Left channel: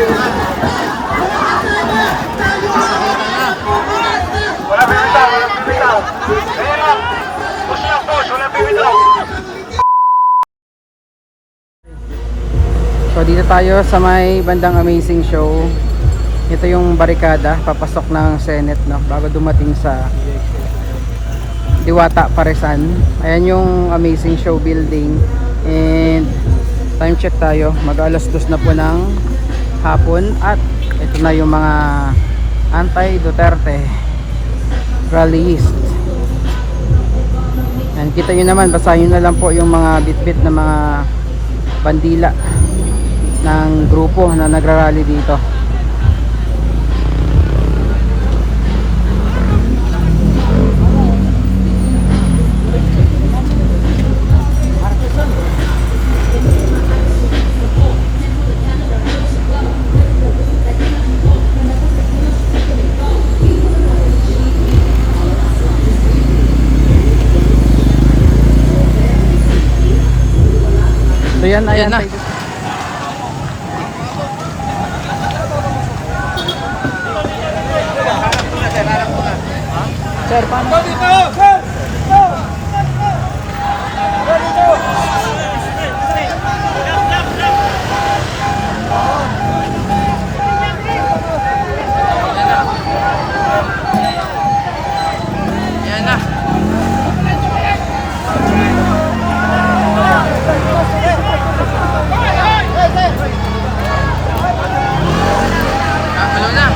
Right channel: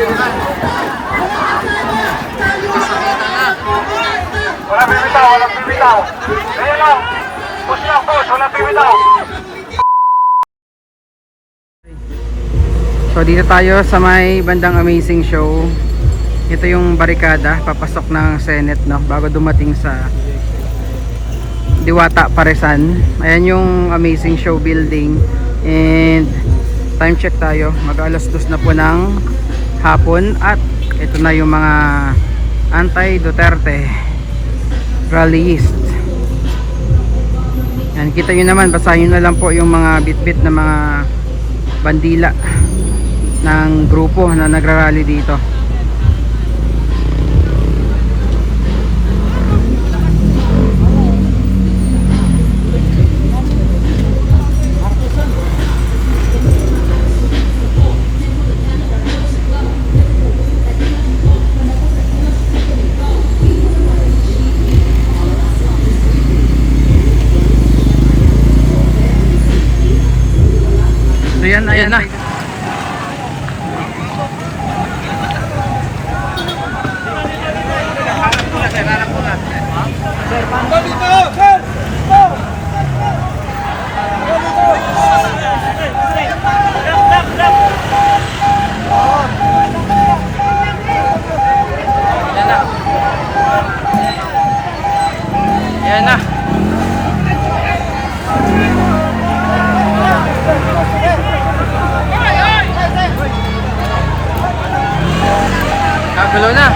So dito tayo sa may bandang Amazing Show. Ito yung barikada papasok ng Senate, no, bago dumating sa Diwata Paresan. Ayan yung Amazing Show building. And time check tayo, mag alas 2 na po ng hapon. At ito na yung mga anti-Duterte rallyist. Yan, kita nyo naman, basahin na lang po yung mga bit-bit na mga bandila ng grupo na nagrarally dito. So yan, ayan na. Sir, dito! Sir! Yan na. Kagulo na.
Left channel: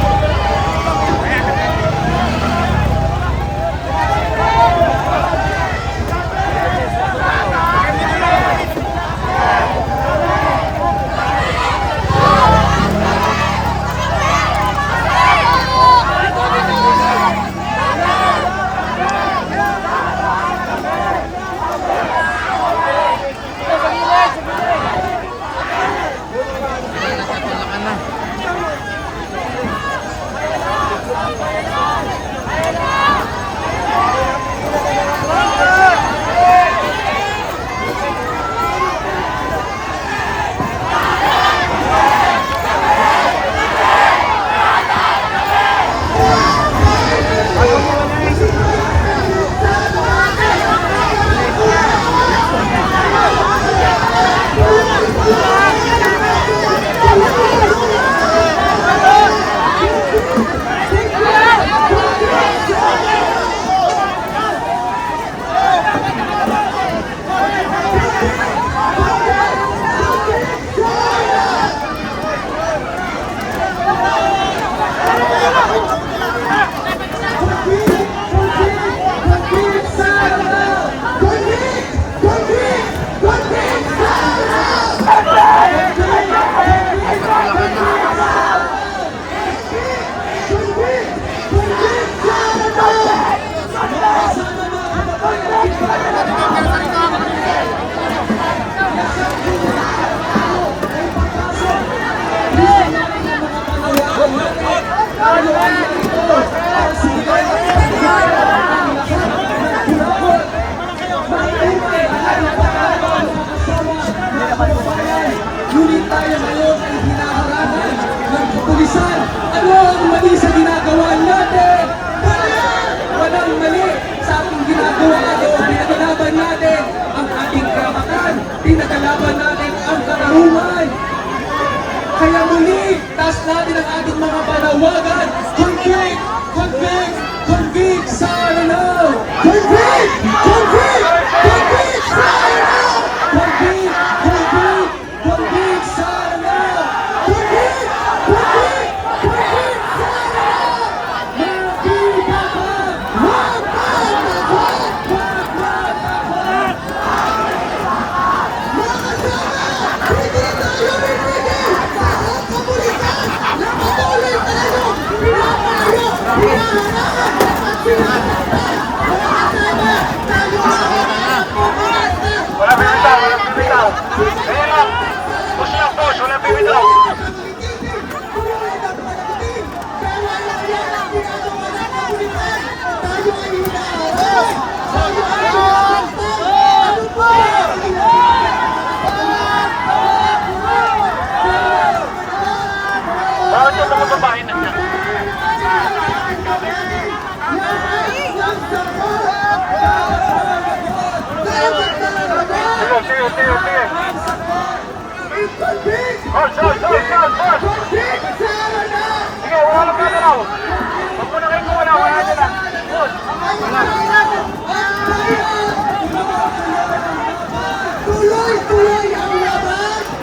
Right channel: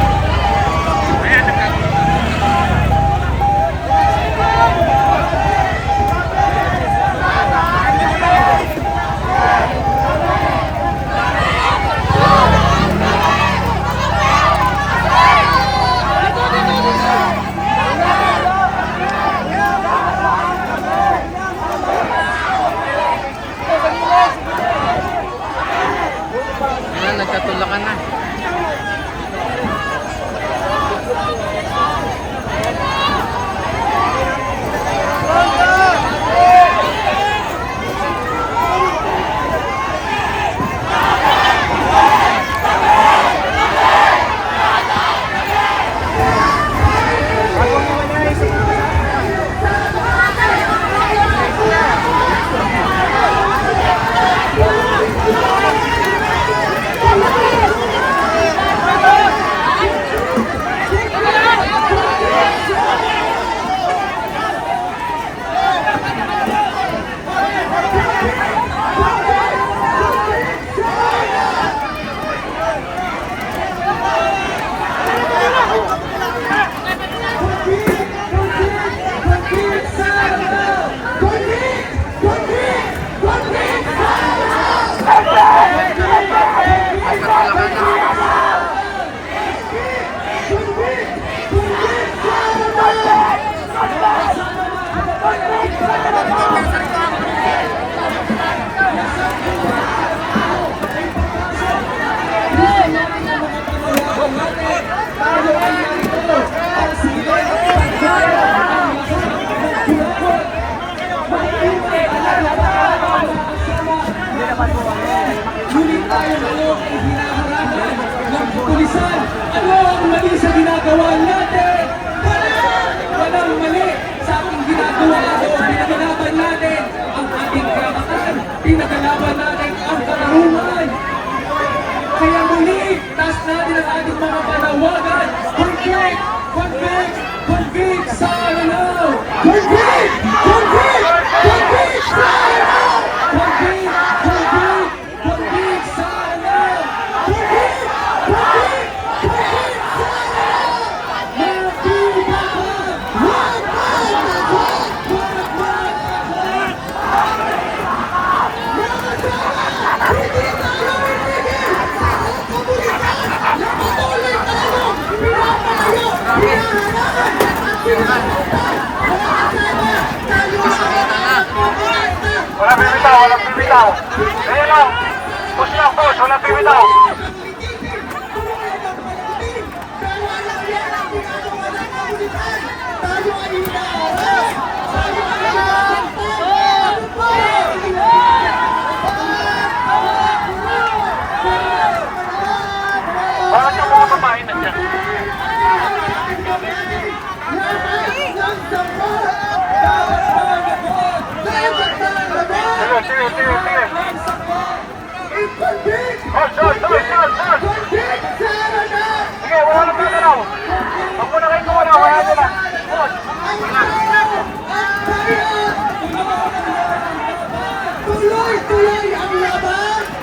Nagkatulakan na.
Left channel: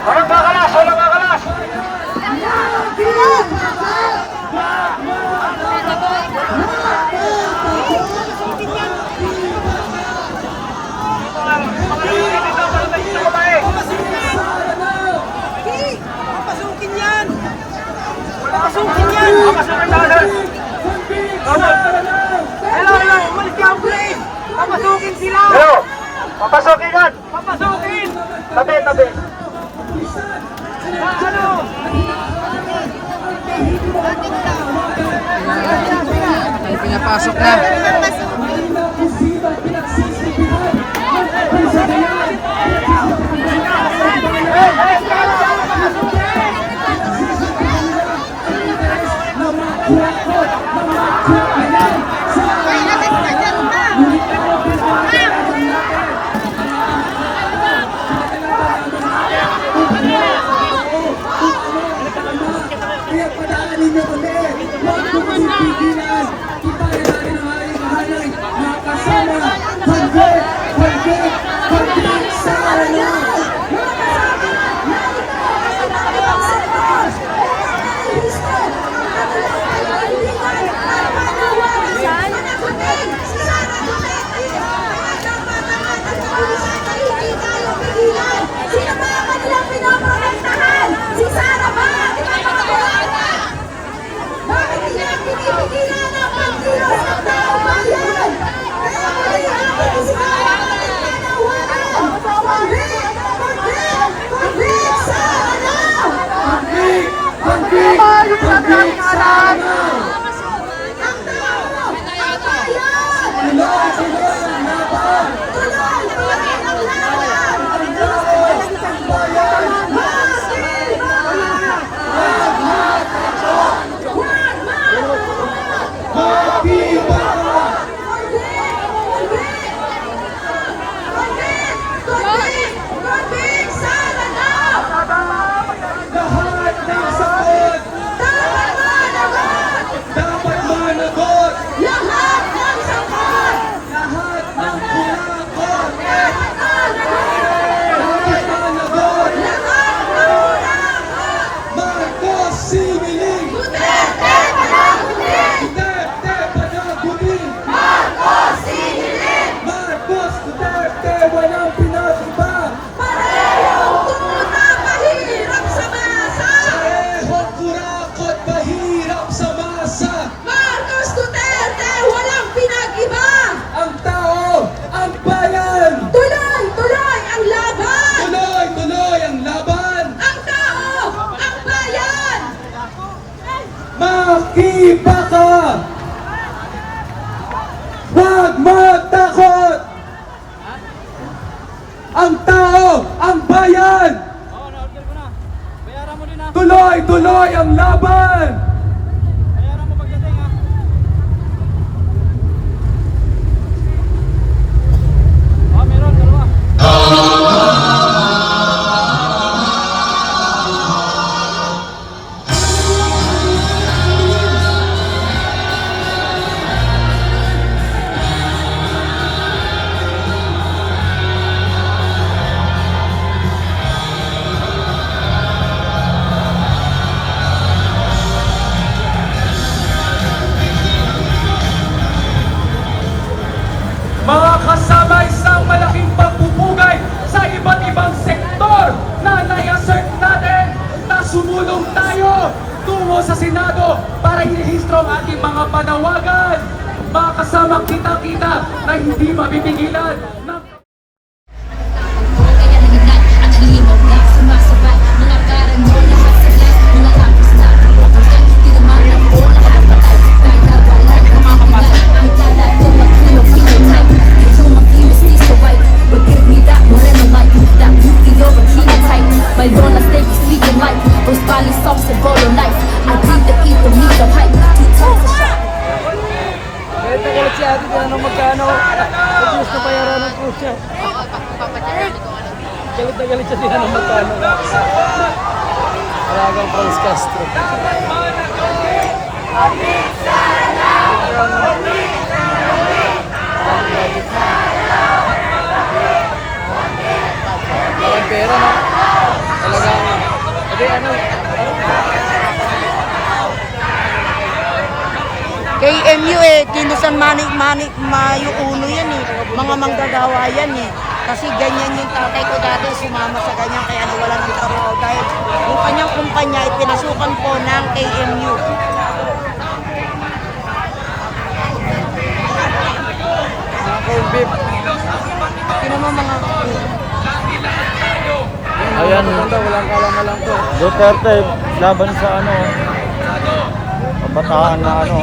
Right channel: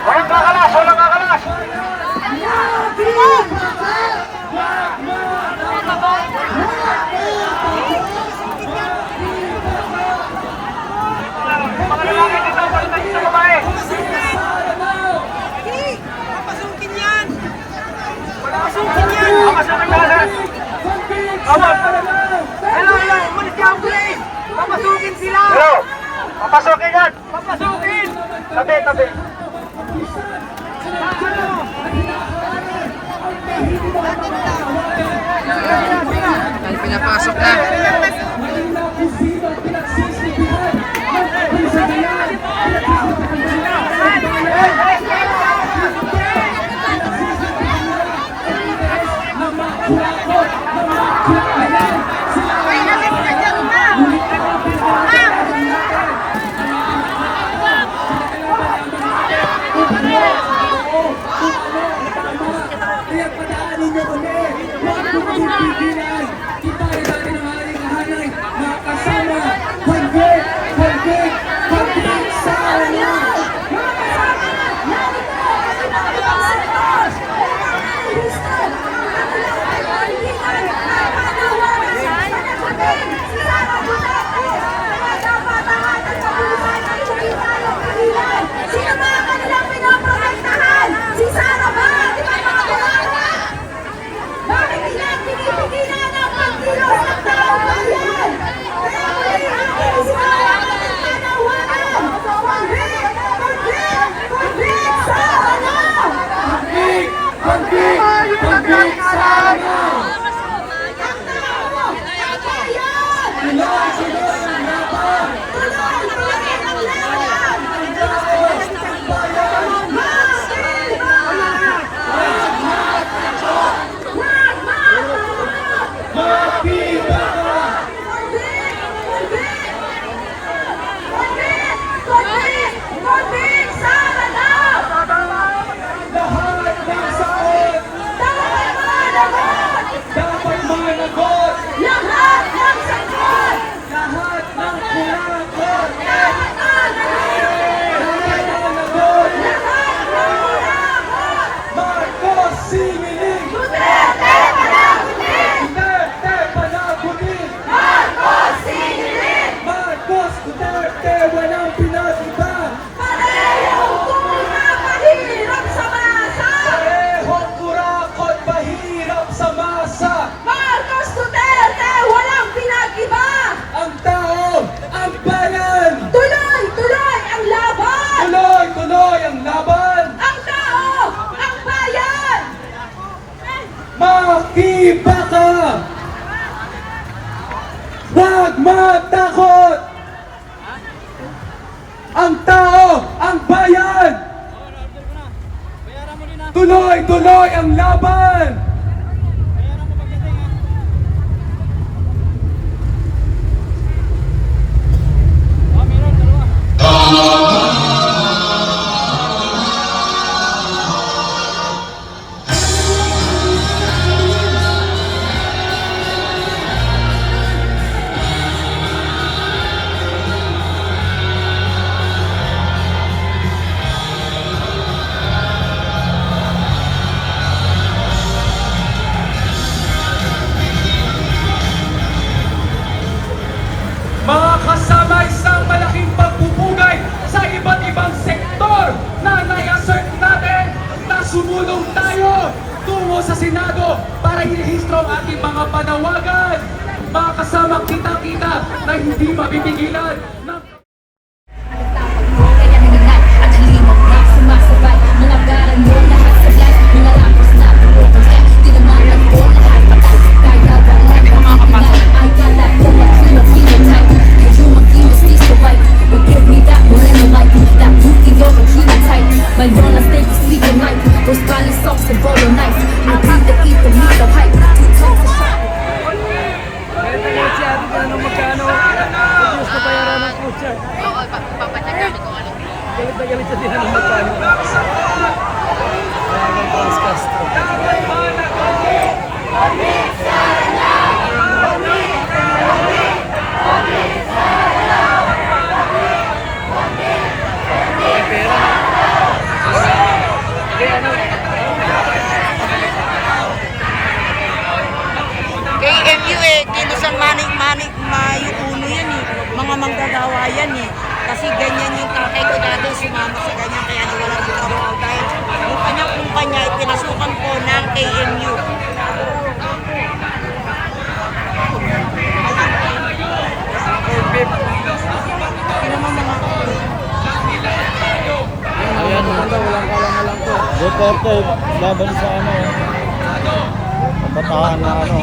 Walang kakalas, walang kakalas. Mga lalaki dito, balitan sa babae. Papasukin yan! Wala kasukin yan. Papasukin natin. Hello, hello! Umalis ka, please! Papasukin sila! Hello. Papasukin yan. Papasukin! Tabi, tabi. Ay, pinapasok na. Si Sara ba? Di ba nakakawala? Bakit hindi ang pinipigilan ng pagkilos ng taong bayan? Si Sara ba? Pagkik sana! Pagkik sana! Ang tao! Ang bayan! Tuloy-tuloy ang laban! Iba ka! Huwag matakot! Ang tao, ang bayan! Tuloy-tuloy ang laban! Mga kasama, isang malaking pagpupugay sa iba't ibang sektor na nai-assert natin na sumulong tayo tungo sa Senado para irehistro ang ating mga panawagan. Mga kasama, kita-kita na hindi mapipigilan ng Mayroon steak speaking like those garlic sauce and roll knife. I bleed the eat the meat of hype. 2 times the shot. Galit si ate, kaya nung magkano, pag-use na bayaran ng kusya. Galit na galit siya din nung magkano. Talagang Franz Castro. Ang pera na. mga manggagawa yan eh. Kasi ganyan yung tatay ko dati, sumama sa ganyan, kaya nawalan dito ako. Dahil yung kanyang kumpanya, ipinasukan po ng KMU. Ayan, walang kalam-alam to. Duterte, laban sa ano, kabataan na ano,